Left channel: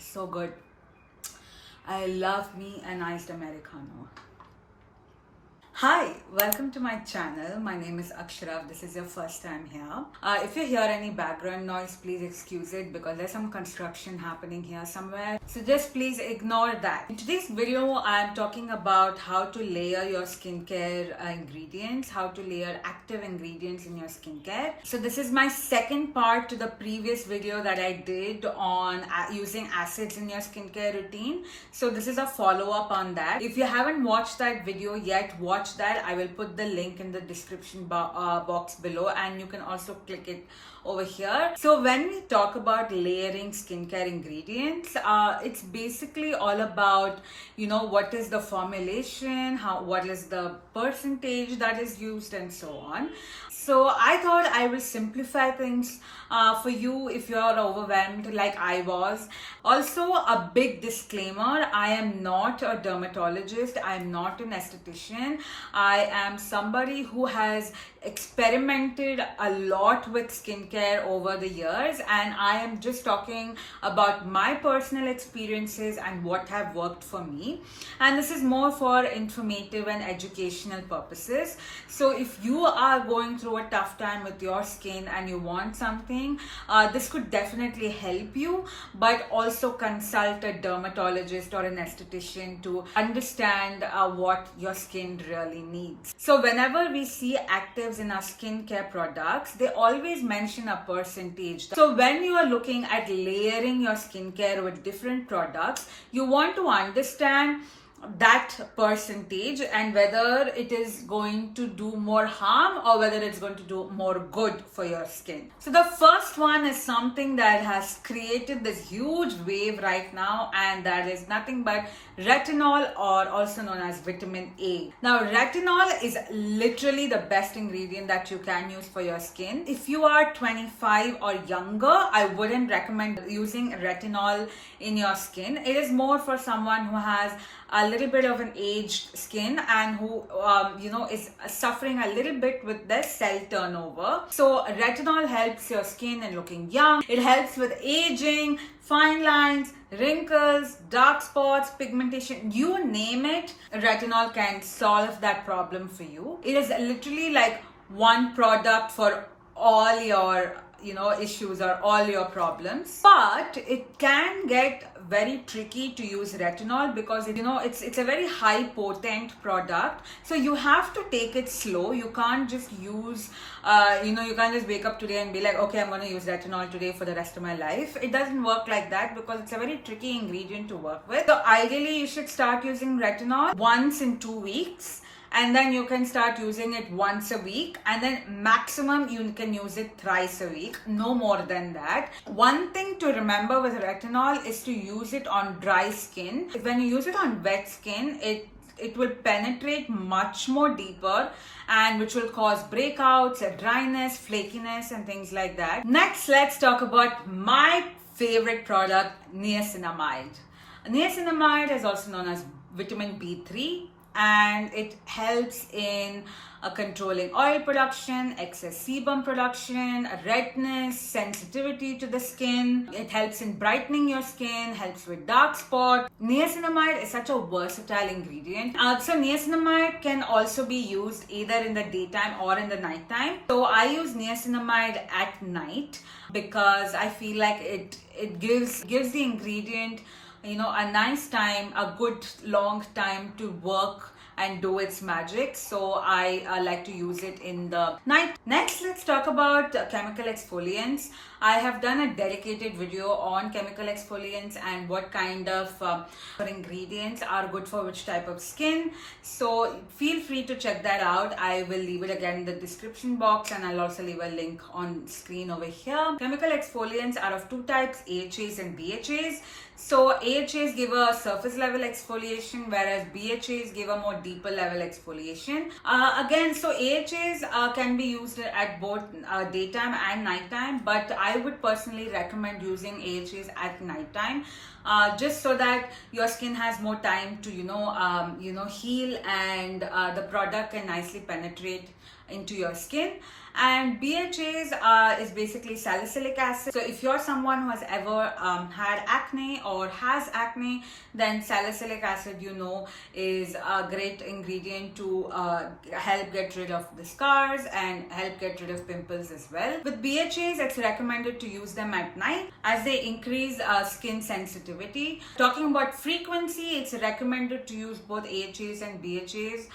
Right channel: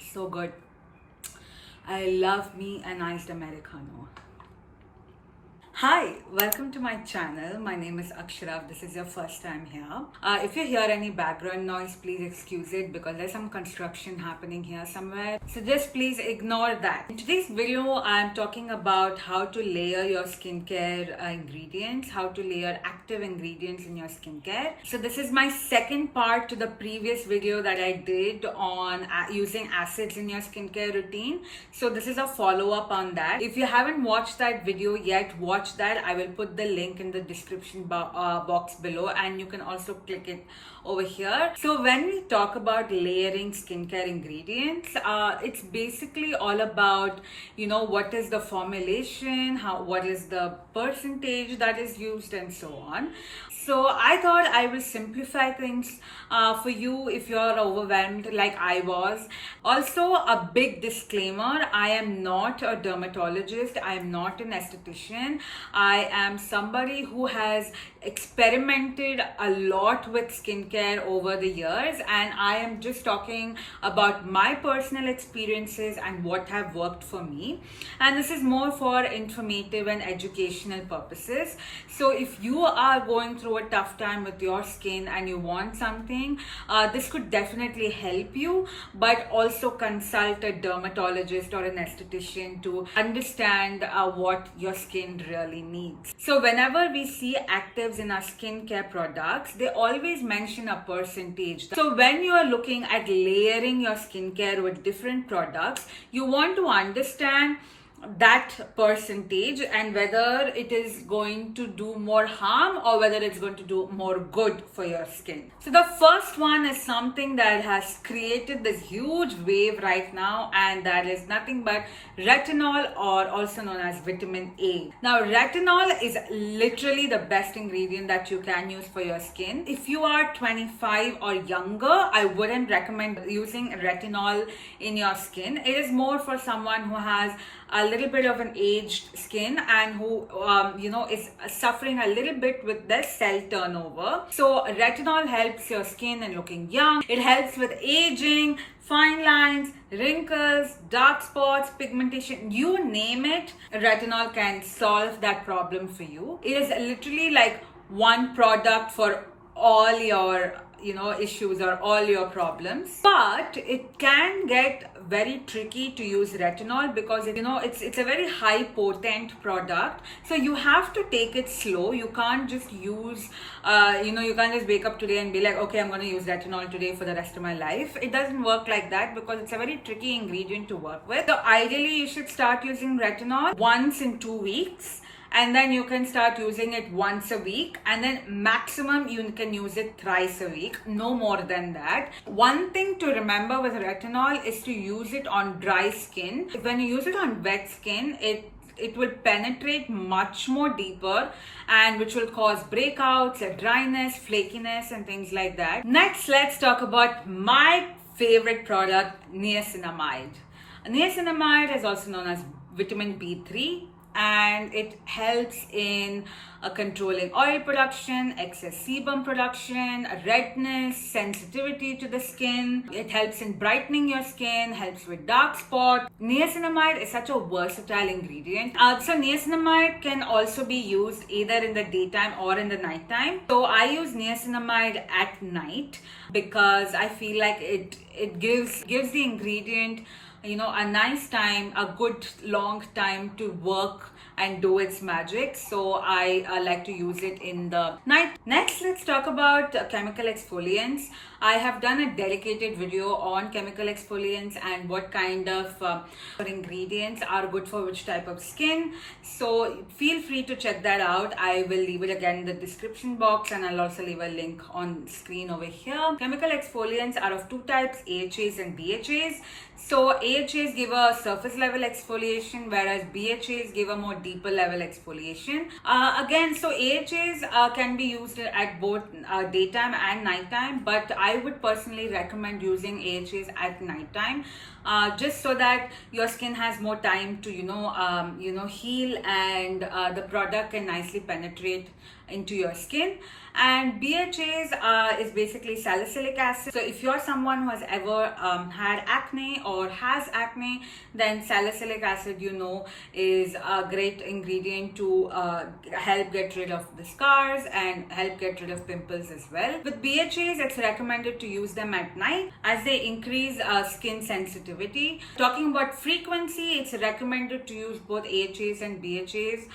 So good. I love me a nice Americano. Hi, welcome to my channel. My name is Akshara. If this is your first time here. If you hear any background noise, please excuse it because there's some construction happening here somewhere. So just please ignore that. In today's video, I'm talking about how to layer your skincare ingredients, how to layer active ingredients in your skincare. So this is my second part to the previous video that I did on using acids in your skincare routine. So this is a follow-up on that. If you haven't watched that video yet, watch that. I will put the link in the description box below, and you can also click it over here. So when we talk about layering skincare ingredients, it's basically all about, what is the formulation, what is the percentage that is used, and so on. So I thought I will simplify things for you if you are overwhelmed like I was. Also, a big disclaimer, I am not a dermatologist, I am not an esthetician. I am somebody who has experimented a lot with skincare over the years, and I am just talking about my personal experiences and what have worked for me. And this is more for informative and educational purposes. So if you are going through a tough time with your skin and you want something, this could definitely help you, but also consult a dermatologist or an esthetician to understand what your skin really needs. So whenever we see actives in our skincare products, they always mention a percentage. So when you are looking at layering your skincare with different products, you want to understand that percentage and whether it is going to do more harm or whether it's going to do more good for your skin. So the first one is something that has created this huge wave right now, and that is nothing but retinol, or also known as vitamin A. Now retinol is literally the best ingredient that you can use for your skin. If you are 25 or younger, I wouldn't recommend using retinol in your skin. It is more for someone who has a little bit of an aged skin and who is suffering a little bit with their cell turnover. So retinol helps your skin in looking young. It helps with aging, fine lines, wrinkles, dark spots, pigmentation, you name it. Retinol can solve that problem for you. It is literally like one product for all your issues or all your problems. But it can get very tricky to use retinol because it's a very high potent product. So you have to take it slow. You can't just use you can't just wake up today and be like, okay, I'm going to use retinol today for the rest of my life. It doesn't work like that because it's a very tricky ingredient to work with. So ideally you should start using retinol once in 2 weeks, and then you can start using it once a week, and then maximum you can use it thrice a week, no more than that. One thing to remember with retinol is to use it on dry skin. When you use it on wet skin, it will penetrate much more deeper, and which will cause breakouts, dryness, flakiness, and things like that. Next, let's talk about my favorite product, niacinamide. Niacinamide is also known as vitamin B3, and it helps in controlling oil production, excess sebum production, redness, sensitivity to the skin. It helps in brightening your skin, helps with dark spot. Niacinamide is such a versatile ingredient. So niacinamide can also be used either in the daytime or in the nighttime. So I use niacinamide at night because I feel like it gives the ingredient a nice time, a good long time to work and do its magic. So I like to use it in the night. Next, let's talk about chemical exfoliants. I have done a dedicated video on chemical exfoliants and what kind of ingredients are good for which type of skin. So feel free to check that out. I will leave it again in the description box, and I'll also leave a link on screen over here. Chemical exfoliants are of two types, AHAs and BHAs. So AHAs give a surface level exfoliation, whereas BHAs give a more deeper level exfoliation. So AHAs can be used at both daytime and nighttime, but I would personally recommend using AHAs at nighttime, just so that your skin has more time to heal, and the product can nicely penetrate into your skin. And BHAs is basically salicylic acid. So if you're someone who has ever had acne or has acne, then salicylic acid, is a great ingredient to help get rid of the scars and help get rid of pimples as well. With BHAs, it's recommended to use them at night as they increase skin sensitivity. Talking about frequency, it's recommended to use both AHAs and BHAs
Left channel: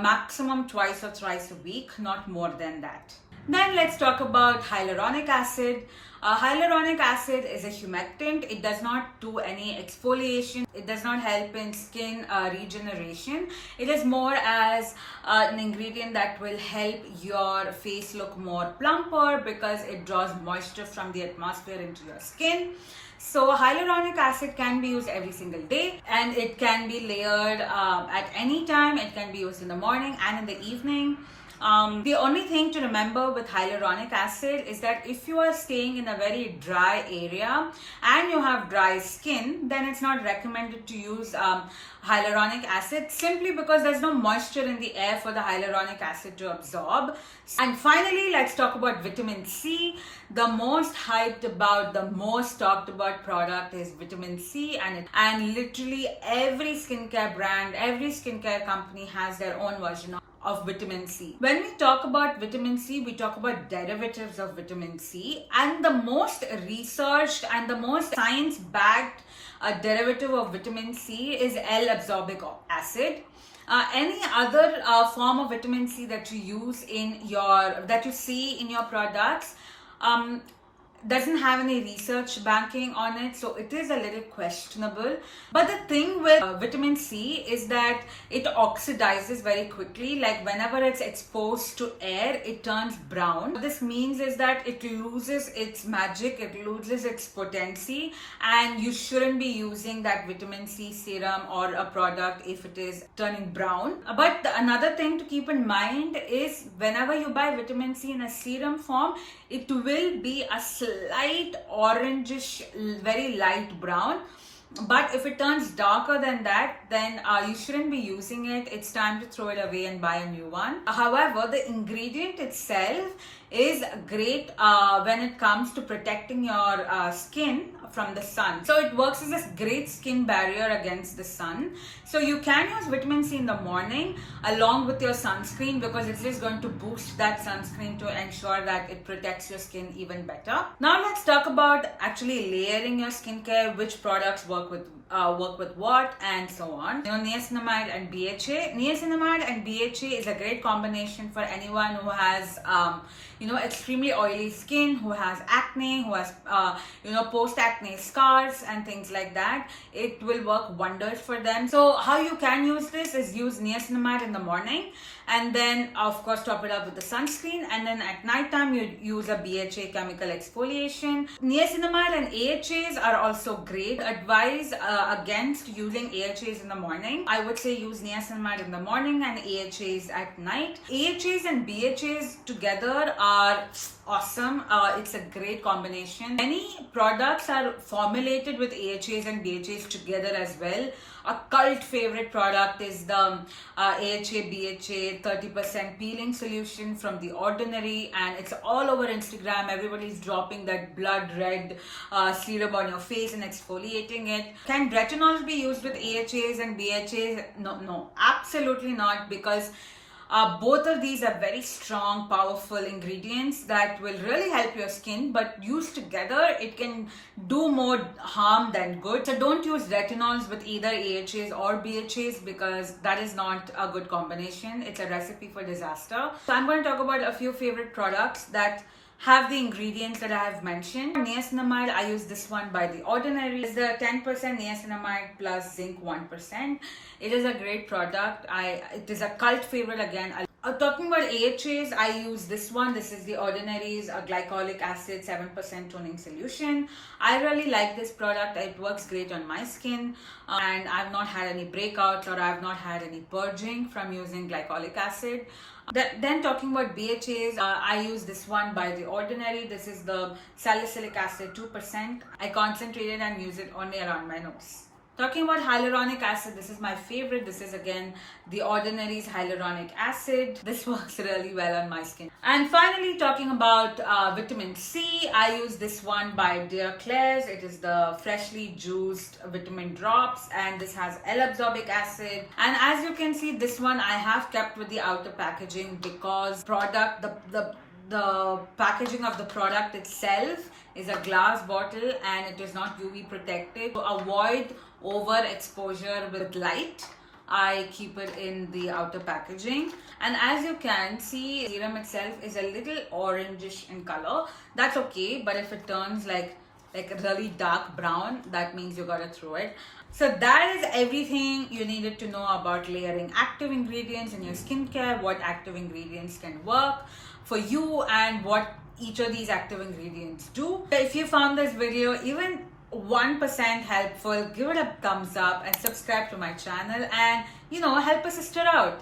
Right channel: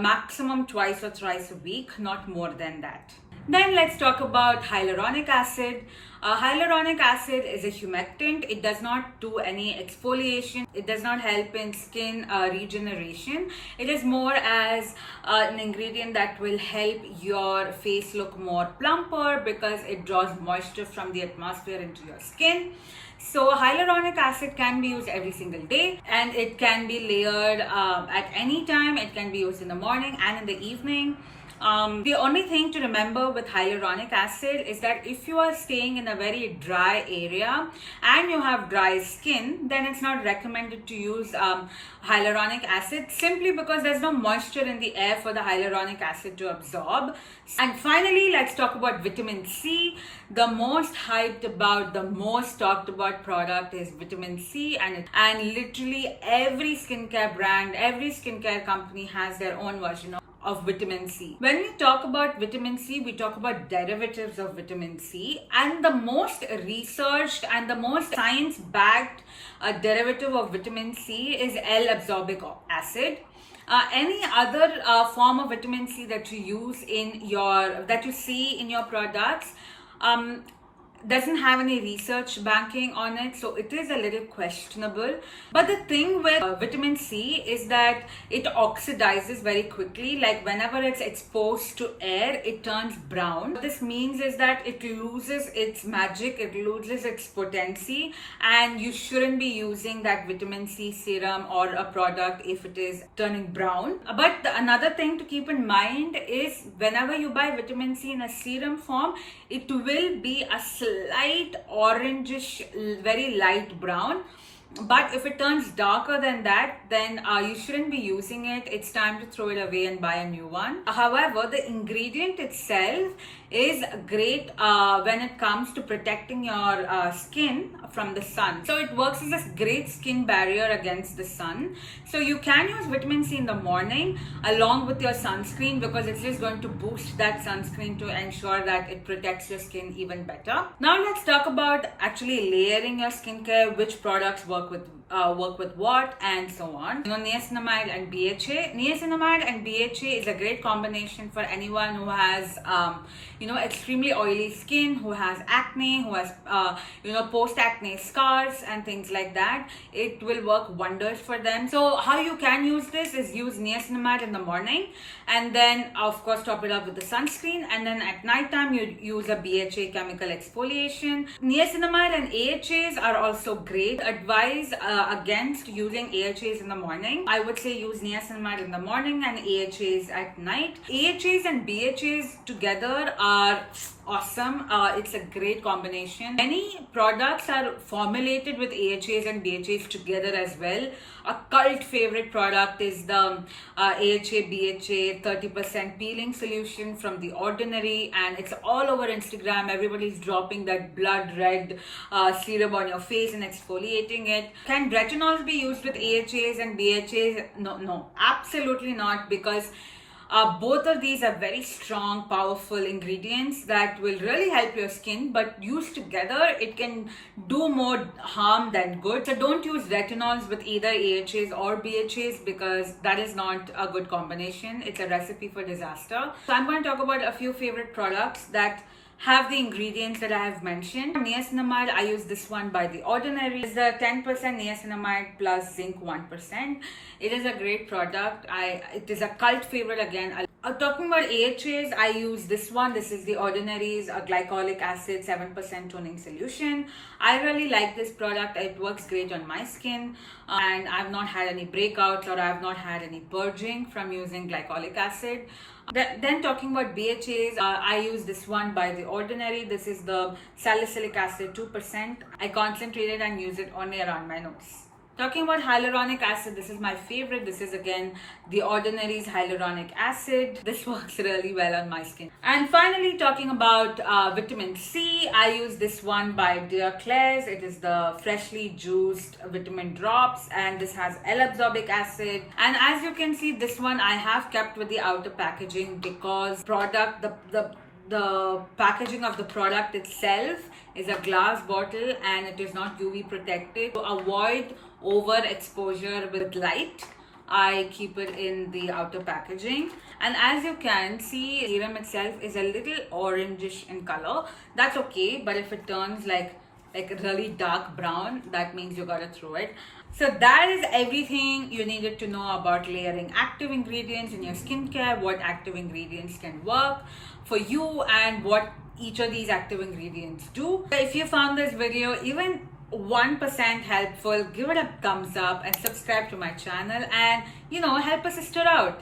maximum twice or thrice a week, not more than that. Then let's talk about hyaluronic acid. Hyaluronic acid is a humectant. It does not do any exfoliation. It does not help in skin regeneration. It is more as an ingredient that will help your face look more plumper because it draws moisture from the atmosphere into your skin. So hyaluronic acid can be used every single day, and it can be layered at any time. It can be used in the morning and in the evening. The only thing to remember with hyaluronic acid is that if you are staying in a very dry area and you have dry skin, then it's not recommended to use hyaluronic acid simply because there's no moisture in the air for the hyaluronic acid to absorb. And finally, let's talk about vitamin C. The most hyped about, the most talked about product is vitamin C, and literally every skincare brand, every skincare company has their own version of vitamin C. When we talk about vitamin C, we talk about derivatives of vitamin C, and the most researched and the most science-backed derivative of vitamin C is L-ascorbic acid. Any other form of vitamin C that you see in your products doesn't have any research backing on it, so it is a little questionable. But the thing with vitamin C is that it oxidizes very quickly. Like whenever it's exposed to air, it turns brown. What this means is that it loses its magic, it loses its potency, and you shouldn't be using that vitamin C serum or a product if it is turning brown. But another thing to keep in mind is whenever you buy vitamin C in a serum form, it will be a slight orangish, very light brown. But if it turns darker than that, then you shouldn't be using it. It's time to throw it away and buy a new one. However, the ingredient itself is great when it comes to protecting your skin from the sun. So it works as a great skin barrier against the sun. So you can use vitamin C in the morning along with your sunscreen because it's just going to boost that sunscreen to ensure that it protects your skin even better. Now let's talk about actually layering your skincare, which products work with what and so on. Niacinamide and BHA. Niacinamide and BHA is a great combination for anyone who has extremely oily skin, who has acne, who has post-acne scars and things like that. It will work wonders for them. So how you can use this is use niacinamide in the morning, and then of course top it up with the sunscreen, and then at night time you use a BHA chemical exfoliation. Niacinamide and AHAs are also great. Advise against using AHAs in the morning. I would say use niacinamide in the morning and AHAs at night. AHAs and BHAs together are awesome. It's a great combination. Many products are formulated with AHAs and BHAs together as well. A cult favorite product is the AHA BHA 30% peeling solution from The Ordinary, and it's all over Instagram. Everybody's dropping that blood red serum on your face and exfoliating it. Can retinols be used with AHAs and BHAs? No, absolutely not, because both of these are very strong, powerful ingredients that will really help your skin, but used together, it can do more harm than good. So don't use retinols with either AHAs or BHAs because that is not a good combination. It's a recipe for disaster. So I'm going to talk about a few favorite products that have the ingredients that I have mentioned. Niacinamide, I use this one by The Ordinary. It's the 10% niacinamide plus zinc 1%. It is a great product. It is a cult favorite again. Talking about AHAs, I use this one. This is The Ordinary's glycolic acid 7% toning solution. I really like this product. It works great on my skin, and I've not had any breakouts or I've not had any purging from using glycolic acid. Then talking about BHAs, I use this one by The Ordinary. This is the salicylic acid 2%. I concentrate it and use it only around my nose. Talking about hyaluronic acid, this is my favorite. This is again the Ordinary's hyaluronic acid. This works really well on my skin. And finally, talking about vitamin C, I use this one by Dear Claire's. It is the freshly juiced vitamin drops, and this has L-absorbic acid. And as you can see, this one I have kept with the outer packaging because the packaging of the product itself is a glass bottle and it is not UV protected. To avoid overexposure with light, I keep it in the outer packaging. And as you can see, serum itself is a little orangish in color. That's okay, but if it turns like really dark brown, that means you gotta throw it. So that is everything you needed to know about layering active ingredients in your skincare, what active ingredients can work for you and what each of these active ingredients do. If you found this video even 1% helpful, give it a thumbs up and subscribe to my channel and help a sister out.